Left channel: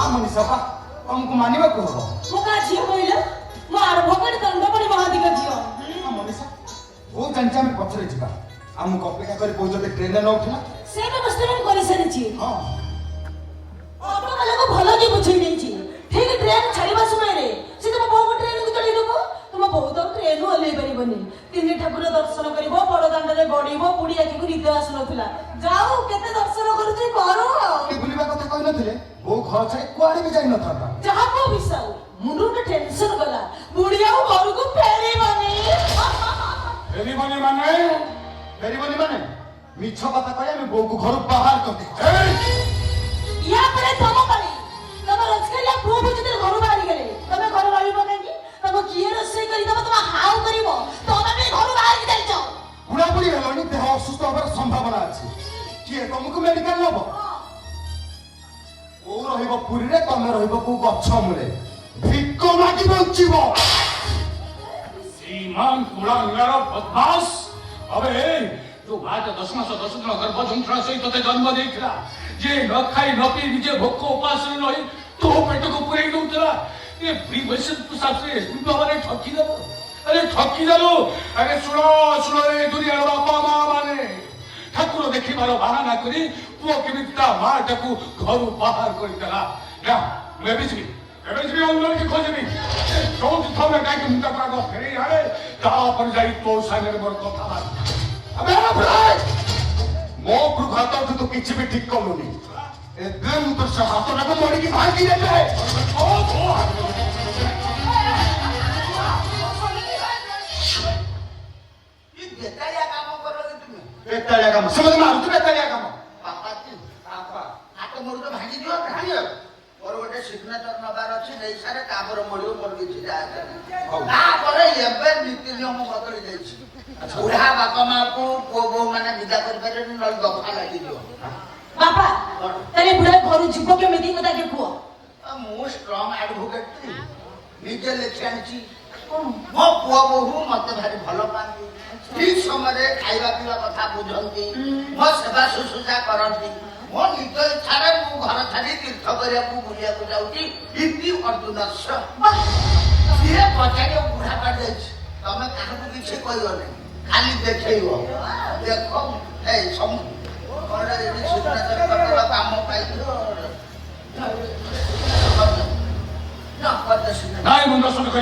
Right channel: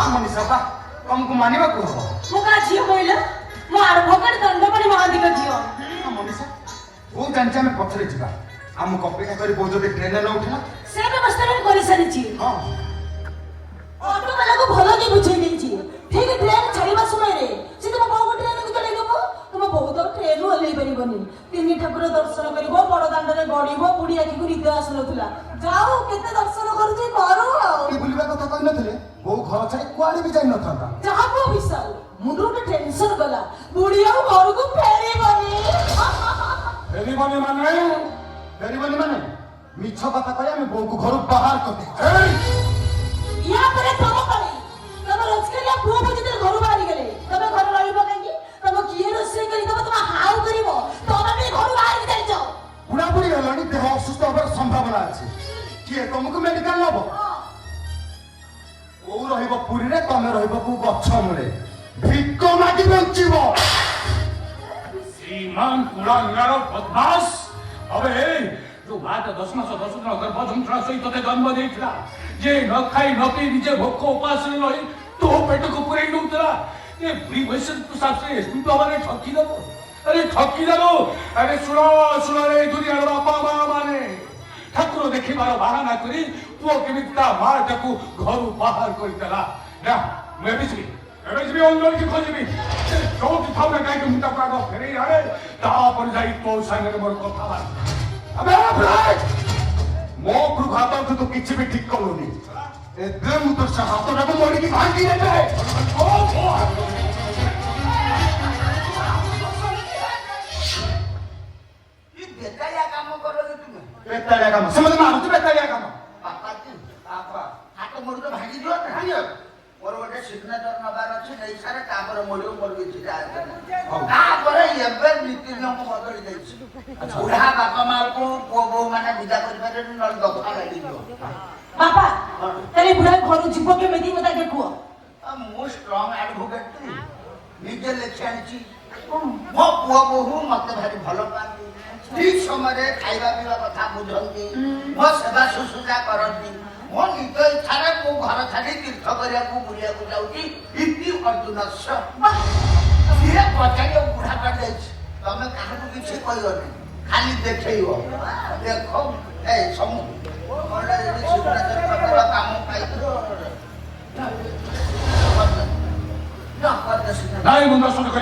हाँ मनीषा बा तुमको मानिबा को हो मो का झियो कहले मो एडवोकेट दंडपड़ी महादीक झियो हाँ मनीषा वो जानचा में पछरे जिबा हमको अपेक्षा करी बहुत जल्दी ट्रेन न उठला से व्यवस्था में करि सारी छी हां ऑटो वाला को भलो की बुझै नै छी ठीक ट्रेन छाड़ीबा समय रे से तुम बहु ट्रेन को चढ़ी देबो तुम बहुत ट्रेन हलै बनी बनी तीन ठाकुर दर्शन करबो बड़ दांड रे गडीबो पुडी आखि को निद आसनथला जाओ केते दर्शन करू करू ये बुलिबा कथा कहि नथिले वो घर छाड़ी कुआडे भी जाई न थाता जहा को विशाल मुंडू में टेंशन गला बुढ़िया घर को फेरी माने मिछ कथा कहे मैं बो को घर बाहर करते या परे तम करे तम रोजकरिया पुओ भी जते घर बाहर गेले तमे घर गाड़ी पकाई तम किए रसोई करी तम तम हाउ करिवो तमे भी घर बाहर जाई जाओ बुढ़ा बुढ़ी हलानी देह असुस्थ होबार संभावना अछि किए तुमको मेडिकल नबो ओ रहिबो पुरी रे तमे रहिबो को गच्छ मुळे भिक्क मागी बंचिबो श्रीमान कुलांगार बदमाश अबे जो बात 10 मास 10 दिन गर्भ झुंठा सहित ते जन्म देइथला जे न खाई न पी निजे भोक उपास रही तो पेट को पूरे दउतला ए बुढ़ी वैसे तू साथे तू माने ठकी दबो अरे ठकी दबो अरे सुनो सुनो रे दुनिया बापा मां माने ठाकुर देखि मारो बाहाना करी पुओ केमिता माटा को घर बाहर करतला ना मैं बिजली अंदर की खोजबी चौथ थामे काई मुंडा पागो फेरी आए ता पर जाई तो सागर मोर कथा बात अबे भाई मो प्रभात तो किछि भी ठीक करूनी एबे मु तो हाथ रे मोड़ी की भांगी रे ये बेताया काम करो तुम बेताया काम समझ में आउत बेताया काम पापा ती पापा हाथ मोड़ तो भांगी दियो भांगी और गोटे सिग्नेचर नबार अच्छे नहीं सारे काबर मोड़ियो मोर किछि जाय तापर एबे नीति नियम बदली जाइछि बुढ़ा बापा मां को पुओ बहु माने विदा करि पारे न दफा लागि दियो बापा तने बुढ़ा घर जीव के मेदी मता के कुओ मो स्ट्रांग एडवोकेट निजे लेखि आनिछि मो पुओ बहु मते भारी भलो पांती ठीक समय खाइबा पीवा कथा बुझंती मो सेवा सुसुजा करंती मो निज इच्छारे मो घर छाड़ी तीर्थ करिया को बुलिया को जाउची इति अर्जुनस्य धीरे पचाई बुढ़ा पड़ जाइछि तमे काहे को किछि कहियो नै खाली देखैयो देखो ए सम ओरे इति सिग्नेचर करला काम पाइलो ना पद सिग्नेचर नाई मुंडा सुन